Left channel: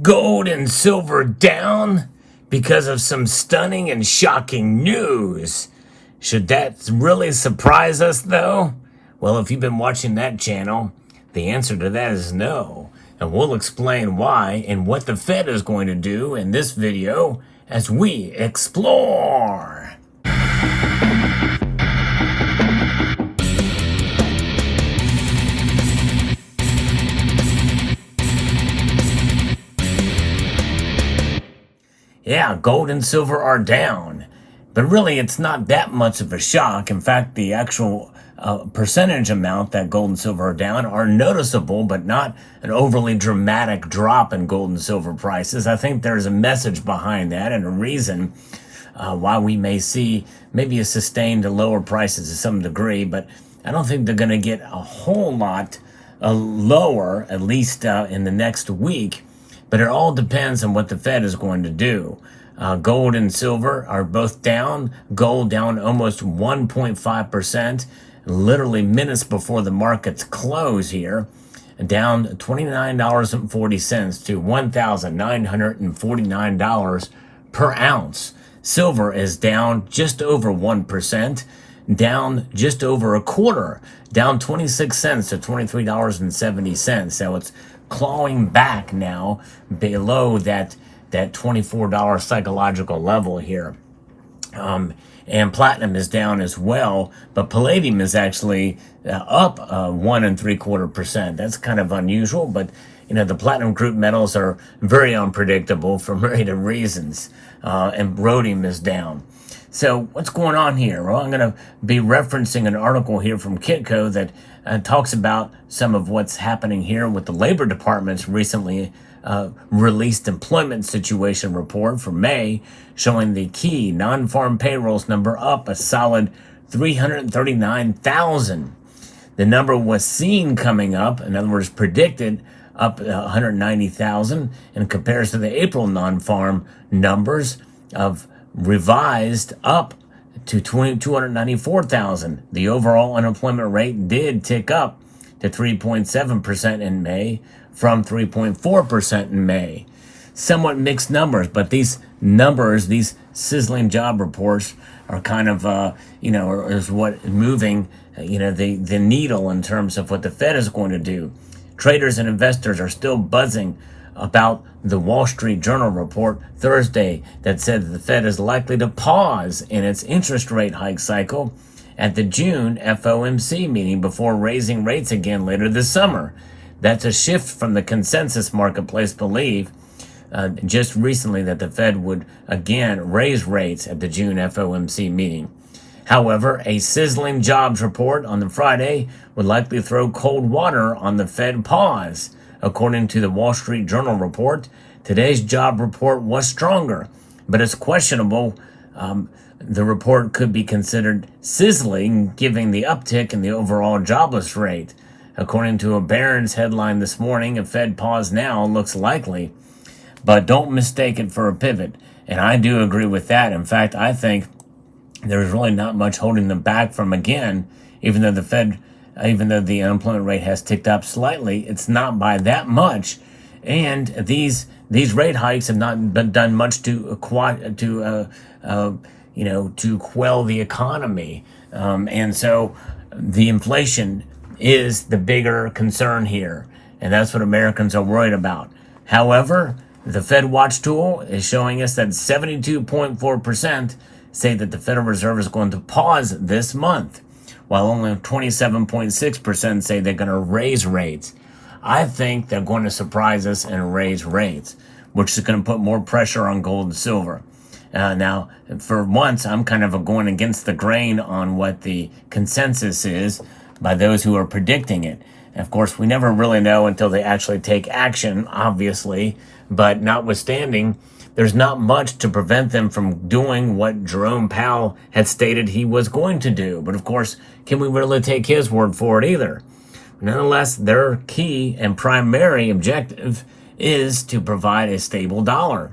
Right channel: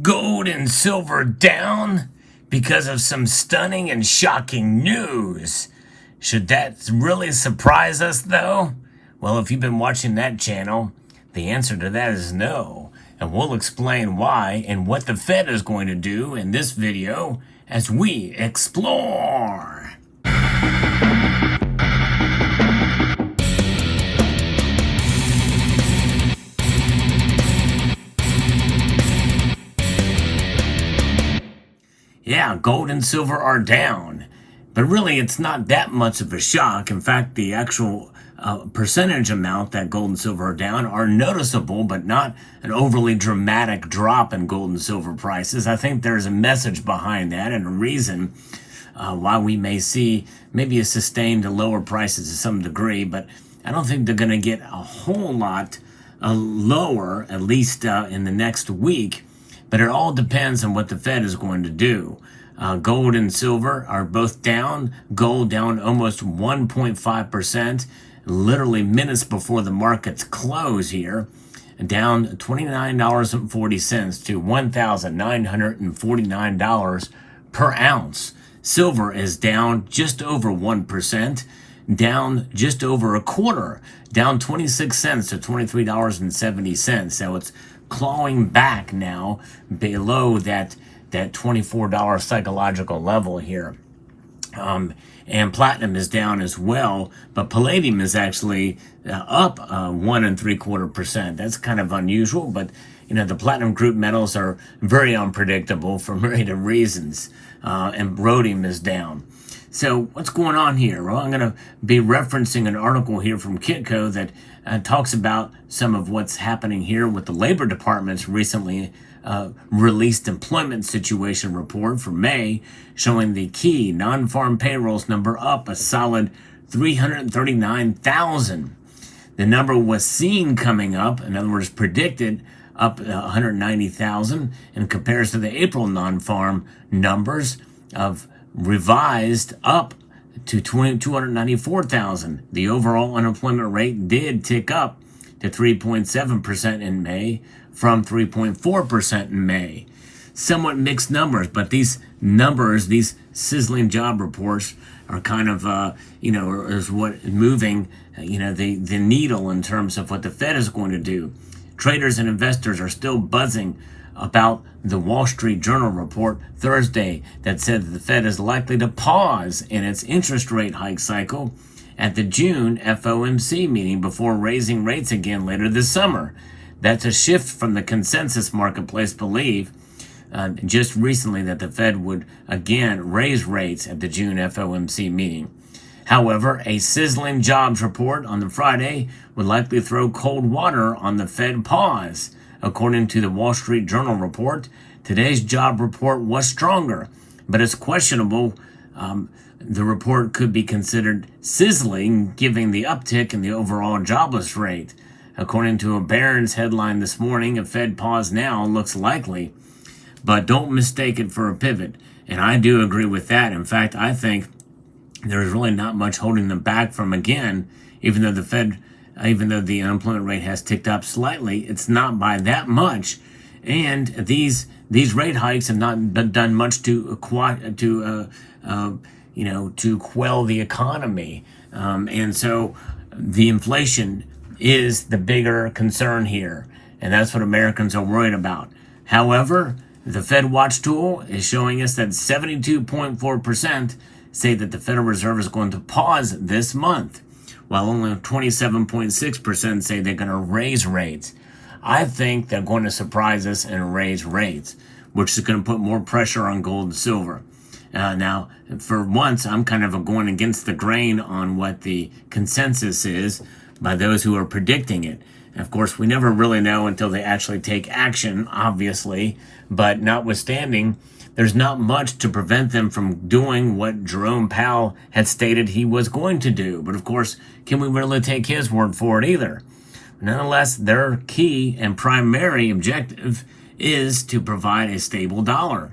Gold and silver down because of some stunning and shocking news. Should that really surprise us, though? Well, if you've been watching that channel, the answer to that is no. And we'll explain why and what the Fed is going to do in this video as we explore. Yeah, gold and silver are down, but really it's not that much of a shock. In fact, the actual percentage amount that gold and silver are down are noticeable, but not an overly dramatic drop in gold and silver prices. I think there's a message behind that and a reason why we may see maybe a sustained lower prices to some degree, but I don't think they're going to get a whole lot lower, at least in the next week. But it all depends on what the Fed is going to do. Gold and silver are both down. Gold down almost 1.5%, literally minutes before the markets close here, down $29.40 to $1,949 per ounce. Silver is down just over 1%, down just over a quarter, down 26 cents to $23.70. So it's clawing back now below that $24 psychological level here. And platinum is down as well, but palladium is actually up 1.75%. That's kind of unusual, but you know, the platinum group metals are very unpredictable for myriad of reasons, and rhodium is down. So what's going on here? Well, I'm going to be referencing an article here from Kitco that talks about some of what's happening here with the Labor Department's recently released employment situation report for May, showing the key non-farm payrolls number up a solid 339,000. The number was seen coming up, in other words, predicted up 190,000 and compares to the April non-farm numbers of revised up to 294,000. The overall unemployment rate did tick up to 3.7% in May from 3.4% in May. Somewhat mixed numbers, but these numbers, these sizzling job reports are kind of, is what moving, the needle in terms of what the Fed is going to do. Traders and investors are still buzzing about the Wall Street Journal report Thursday that said that the Fed is likely to pause in its interest rate hike cycle at the June FOMC meeting before raising rates again later this summer. That's a shift from the consensus marketplace belief just recently that the Fed would again raise rates at the June FOMC meeting. However, a sizzling jobs report on the Friday would likely throw cold water on the Fed pause. According to the Wall Street Journal report, today's job report was stronger, but it's questionable. The report could be considered sizzling, given the uptick in the overall jobless rate. According to a Barron's headline this morning, a Fed pause now looks likely, but don't mistake it for a pivot. And I do agree with that. In fact, I think there's really not much holding them back from, again, even though the unemployment rate has ticked up slightly, it's not by that much. And these rate hikes have not been done much to quell the economy. And so the inflation is the bigger concern here. And that's what Americans are worried about. However, the Fed Watch tool is showing us that 72.4% say that the Federal Reserve is going to pause this month, while only 27.6% say they're going to raise rates. I think they're going to surprise us and raise rates, which is going to put more pressure on gold and silver. Now, for once, I'm kind of going against the grain on what the consensus is by those who are predicting it. And of course, we never really know until they actually take action, obviously, but notwithstanding, there's not much to prevent them from doing what Jerome Powell had stated he was going to do. But of course, can we really take his word for it either? Nonetheless, their key and primary objective is to provide a stable dollar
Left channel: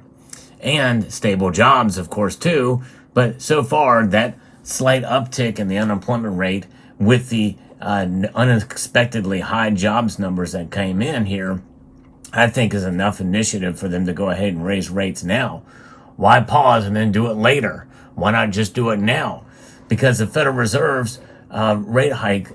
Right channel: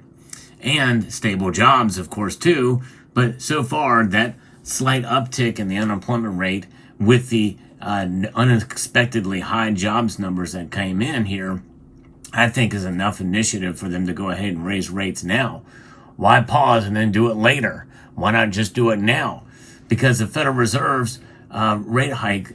and stable jobs, of course, too. But so far, that slight uptick in the unemployment rate with the unexpectedly high jobs numbers that came in here I think is enough initiative for them to go ahead and raise rates now. Why pause and then do it later? Why not just do it now? Because the Federal Reserve's rate hike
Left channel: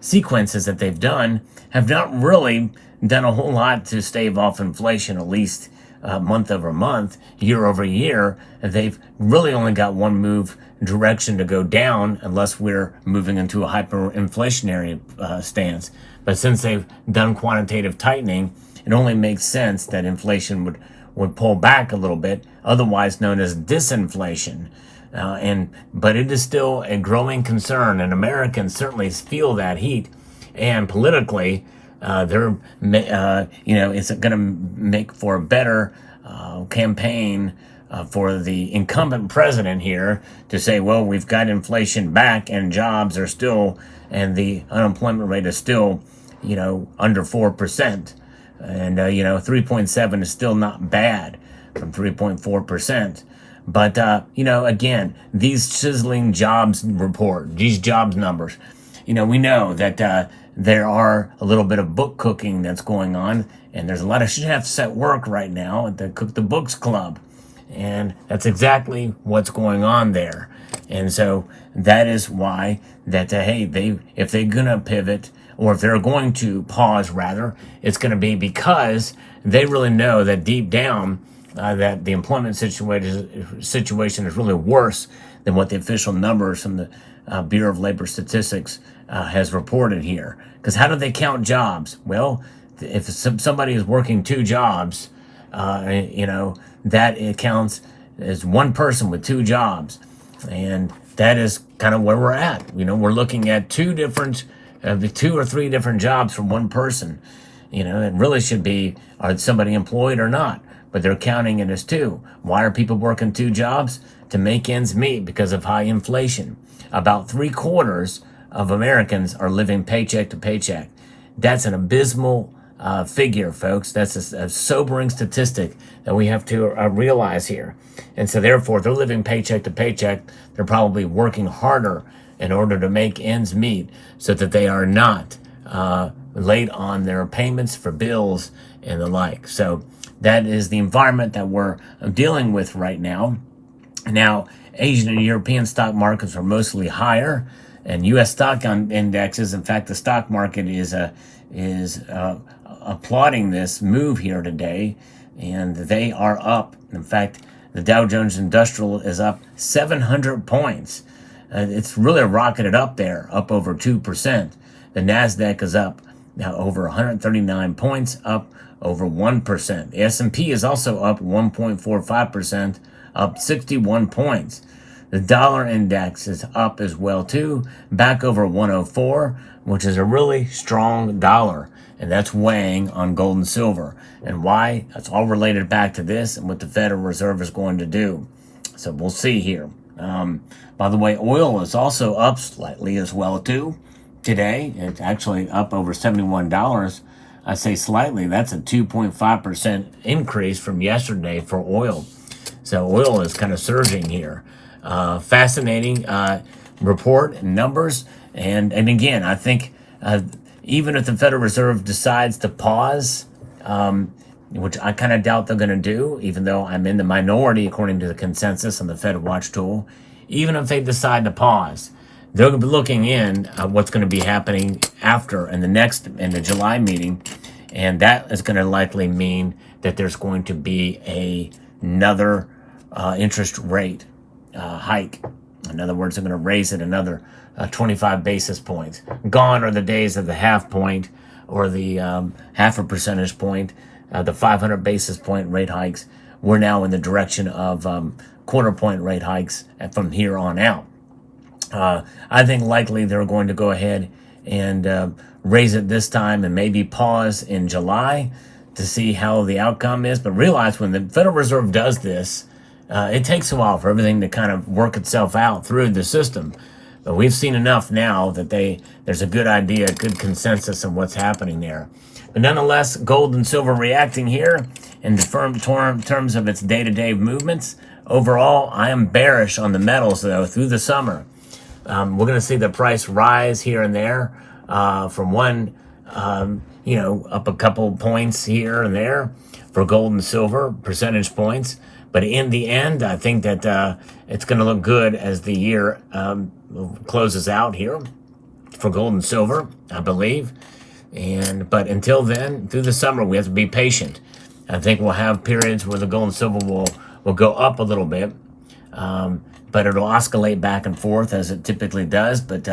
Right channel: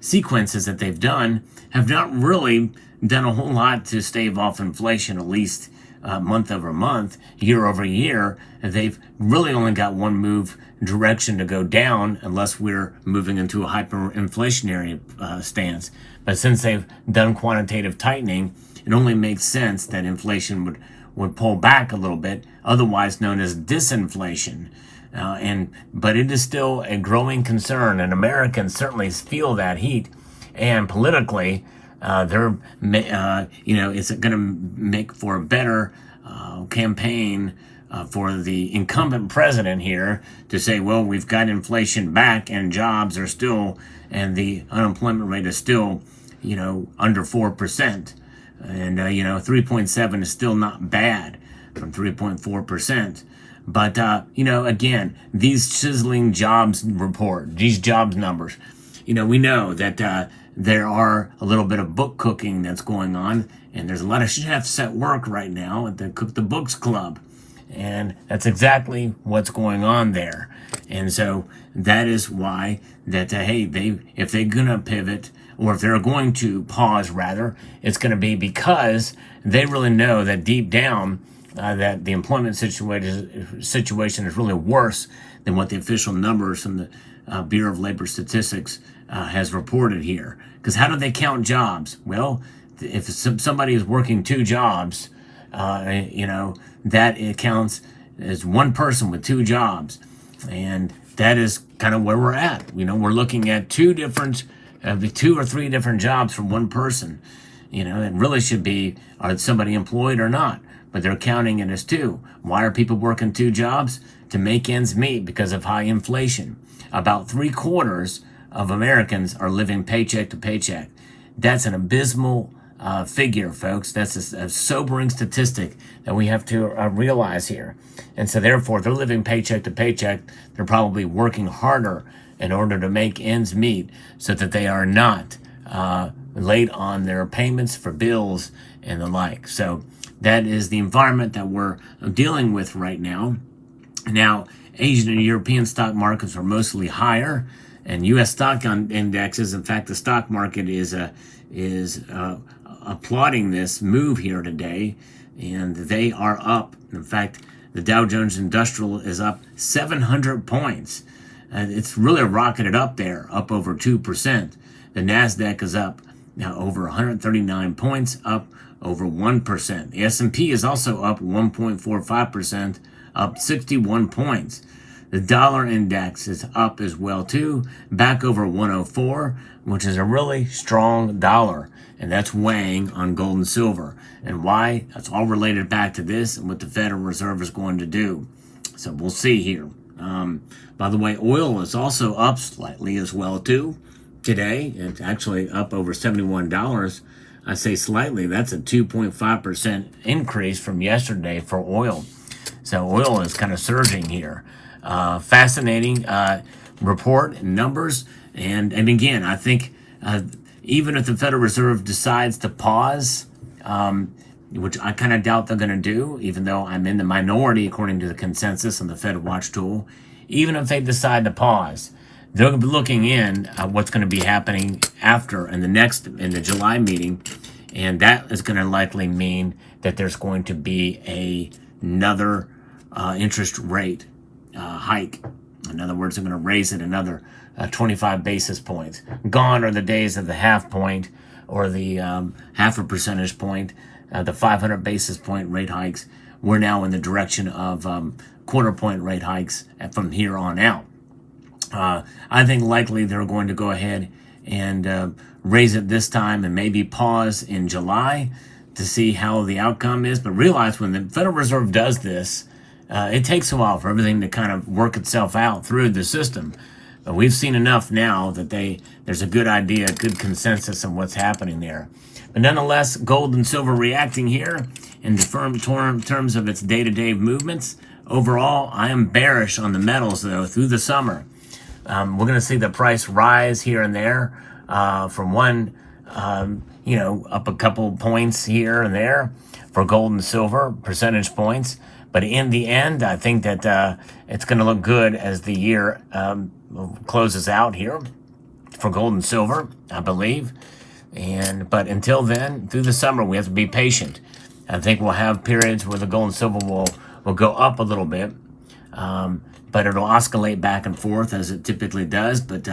sequences that they've done have not really done a whole lot to stave off inflation, at least month over month, year over year. They've really only got one move direction to go down, unless we're moving into a hyperinflationary stance. But since they've done quantitative tightening, it only makes sense that inflation would pull back a little bit, otherwise known as disinflation. But it is still a growing concern, and Americans certainly feel that heat. And politically, it's going to make for a better campaign for the incumbent president here to say, well, we've got inflation back and jobs are still, and the unemployment rate is still, under 4%. And, 3.7 is still not bad from 3.4%. But, again, these sizzling jobs report, these jobs numbers, we know that there are a little bit of book cooking that's going on. And there's a lot of chefs at work right now at the Cook the Books Club. And that's exactly what's going on there. And so that is why that, if they're going to pivot, or if they're going to pause, rather, it's going to be because they really know that deep down that the employment situation is really worse than what the official numbers from the Bureau of Labor Statistics has reported here. Because how do they count jobs? Well, if somebody is working two jobs, that it counts as one person with two jobs. And that is kind of where we're at. We're looking at two or three different jobs from one person. It really should be, are somebody employed or not? But they're counting it as two. Why are people working two jobs? To make ends meet because of high inflation. About 3/4 of Americans are living paycheck to paycheck. That's an abysmal figure, folks. That's a sobering statistic that we have to realize here. And so therefore, they're living paycheck to paycheck. They're probably working harder in order to make ends meet so that they are not late on their payments for bills and the like. So that is the environment that we're dealing with right now. Now, Asian and European stock markets are mostly higher, and U.S. stock indexes. In fact, the stock market is applauding this move here today, and they are up. In fact, the Dow Jones Industrial is up 700 points. It's really rocketed up there, up over 2%. The NASDAQ is up now over 139 points, up over 1%. The S&P is also up 1.45%, up 61 points. The dollar index is up as well, too, back over 104, which is a really strong dollar. And that's weighing on gold and silver. And why? That's all related back to this and what the Federal Reserve is going to do. So we'll see here. By the way, oil is also up slightly as well, too. Today, it's actually up over $71. I say slightly. That's a 2.5% increase from yesterday for oil. So oil is kind of surging here. Fascinating report and numbers. And again, I think even if the Federal Reserve decides to pause, which I kind of doubt they're going to do, even though I'm in the minority according to the consensus on the Fed Watch tool, even if they decide to pause, they're going to be looking in at what's going to be happening after in the July meeting, and that is going to likely mean that there's going to be another interest rate hike. In other words, they're going to raise it another 25 basis points. Gone are the days of the half point or the half a percentage point, the 500 basis point rate hikes. We're now in the direction of quarter point rate hikes from here on out. I think likely they're going to go ahead and raise it this time and maybe pause in July to see how the outcome is. But realize when the Federal Reserve does this, it takes a while for everything to kind of work itself out through the system. But we've seen enough now that there's a good idea, a good consensus on what's happening there. But nonetheless, gold and silver reacting here in terms of its day-to-day movements. Overall, I am bearish on the metals, though, through the summer. We're going to see the price rise here and there from one up a couple points here and there for gold and silver, percentage points. But in the end, I think that it's going to look good as the year closes out here for gold and silver, I believe. But until then, through the summer, we have to be patient. I think we'll have periods where the gold and silver will go up a little bit, but it'll oscillate back and forth as it typically does. But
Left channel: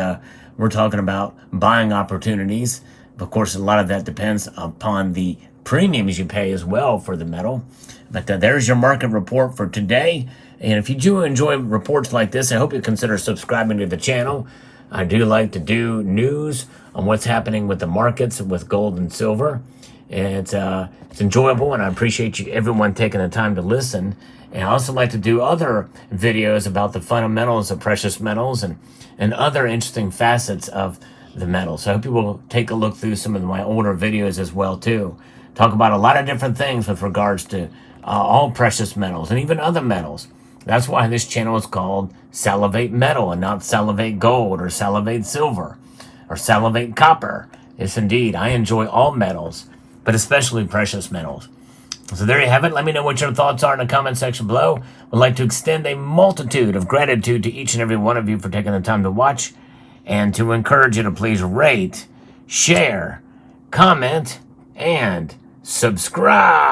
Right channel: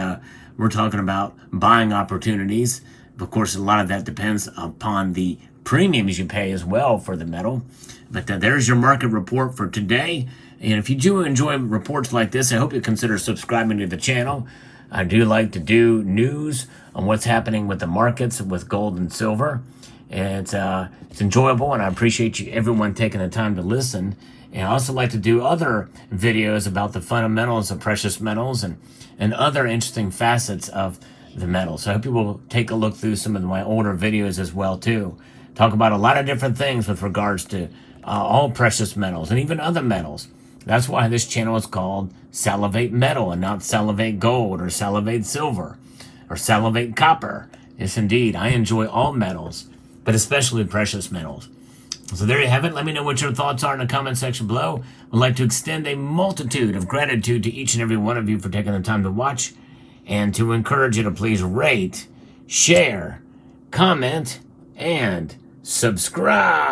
we're talking about buying opportunities. Of course, a lot of that depends upon the premiums you pay as well for the metal. But there's your market report for today. And if you do enjoy reports like this, I hope you consider subscribing to the channel. I do like to do news on what's happening with the markets with gold and silver. It's enjoyable, and I appreciate everyone taking the time to listen. And I also like to do other videos about the fundamentals of precious metals and other interesting facets of the metal. So I hope you will take a look through some of my older videos as well too. Talk about a lot of different things with regards to all precious metals and even other metals. That's why this channel is called Salivate Metal and not Salivate Gold or Salivate Silver or Salivate Copper. Yes, indeed, I enjoy all metals, but especially precious metals. So there you have it. Let me know what your thoughts are in the comment section below. I'd like to extend a multitude of gratitude to each and every one of you for taking the time to watch and to encourage you to please rate, share, comment, and subscribe.